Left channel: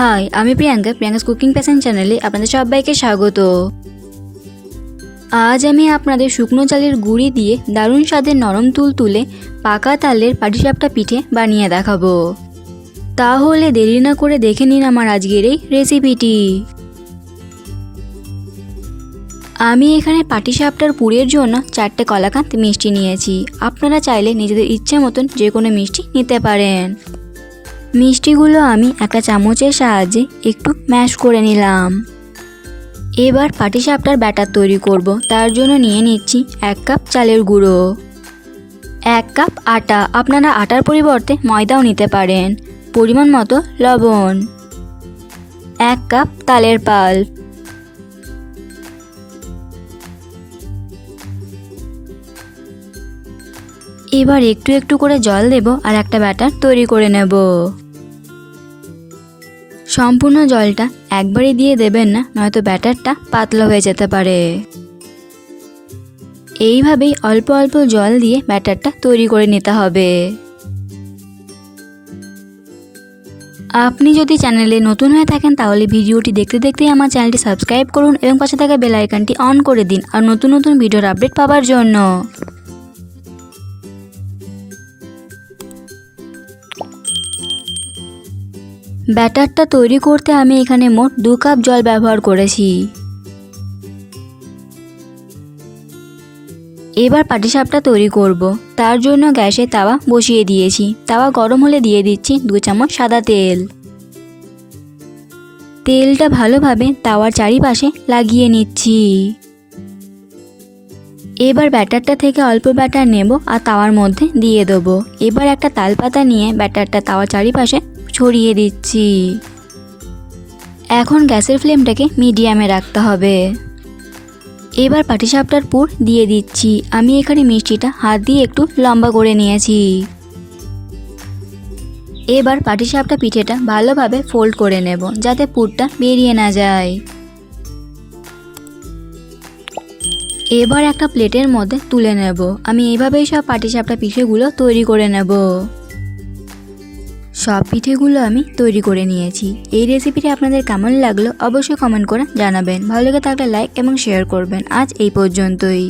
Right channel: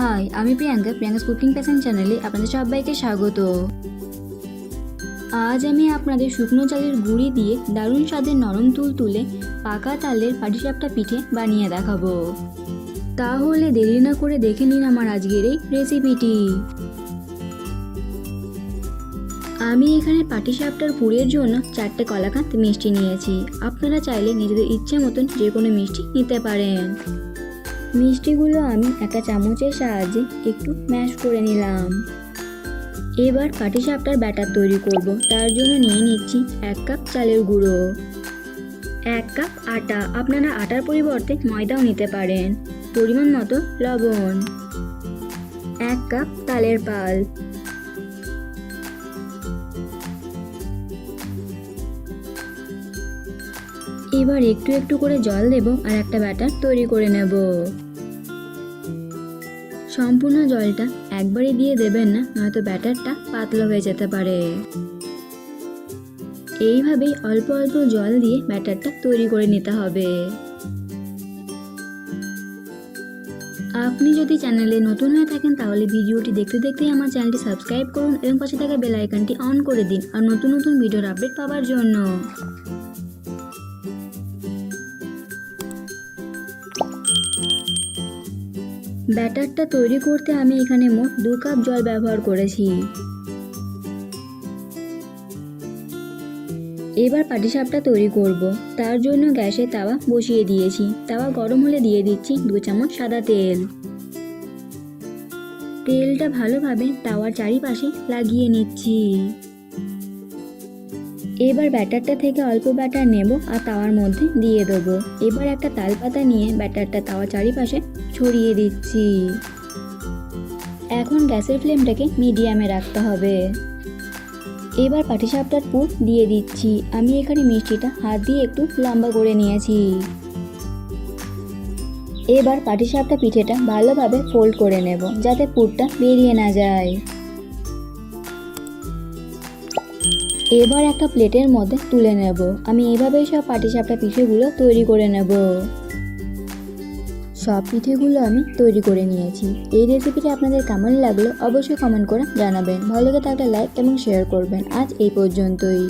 High আমি Priyanka Priyanka's cooking passion চ্যানেলে আপনাদের সবাইকে স্বাগত। আজ আমি আপনাদের শুকনো চালের গুঁড়ি দিয়ে দারুণ স্বাদের নরম তুল তুলে পাকা তালের পাটিসাপটা পিঠে বানিয়ে দেখাবো। তাহলে দেরি না করে দেখে নিন আমার আজকের এই রেসিপিটি আমি এখানে পাটিসাপটার পুরের জন্য চারটে কলাকান্ত মিষ্টি নিয়েছি। আপনারা চাইলে নিজেদের ইচ্ছে মতন যে কোনো মিষ্টি নিতে পারেন। মিষ্টিগুলো আমি একটা চামচের সাহায্যে একটু ম্যাশ করে নিলাম। এবার পাটিসাপটার ব্যাটার তৈরি করব। তার জন্য নিয়ে নিচ্ছি এক কাপ চালের গুঁড়ো। এক কাপ আটা। আপনারা আটার পরিবর্তে ময়দাও নিতে পারেন। পরিমাণ মতো লবণ। এক কাপ তালের পাল। এবার একটু একটু করে জল দেব আর একটা ব্যাটার তৈরি করে নেব। সম্পূর্ণ জলটা একবারই দিয়ে দেবেন না, নয়তো ব্যাটারটা পাতলা হয়ে যেতে পারে। এইভাবেই অল্প অল্প জল দিয়ে ব্যাটারটা তৈরি করে নিতে হবে। আপনি যদি চ্যানেলে নতুন হয়ে থাকেন, তাহলে ভিডিওটি দেখতে দেখতেই আমার চ্যানেলটি সাবস্ক্রাইব করুন এবং পাশে থাকা বেল আইকনটি অন করে দিন, আর নতুন নতুন ভিডিওর আপডেট পাওয়ার জন্য। ব্যাটারটা তৈরি করতে আমি এখানে মোট দু কাপ জল ব্যবহার করেছি। এবার পাটিসাপটা তৈরি করব। তার জন্য গ্যাসে তাওয়া বসিয়ে দিয়েছি। তাওয়া গরম হলে দিয়ে দিচ্ছি দু চামচ সাদা তেল। তেলটা ভালোভাবে তাওয়ার চারিপাশে লাগিয়ে নিচ্ছি। এবার ব্যাটারটা থেকে অল্প ব্যাটার নেব আর তাওয়ার মধ্যে দিয়ে দেবো। এবার একটা তালপাতা নিয়ে ব্যাটারটা তাওয়ার চারিপাশে ছড়িয়ে দিচ্ছি। এখন গ্যাসের ফ্লেমটাকে মিডিয়ামে রাখতে হবে। এবার পাটিসাপটার পুর দিয়ে দিচ্ছি। আমি এখানে মিষ্টিটা হাত দিয়ে একটু লম্বা করে নিয়েছি। এবার পাটিসাপটা পিঠেটা ভালোভাবে ফোল্ড করে নেব, যাতে পুরটা বেরিয়ে না যায়। এবার একটা প্লেটের মধ্যে তুলে নেব। আমি এইভাবেই সব পাটিসাপটা পিঠেগুলো তৈরি করে নেব। সব পিঠেগুলো আমি তৈরি করে নিয়েছি। এই রেসিপিটি আপনাদের কেমন লাগল অবশ্যই কমেন্ট করে জানাবেন। ভালো লেগে থাকলে লাইক এবং শেয়ার করবেন। আজ এই পর্যন্তই।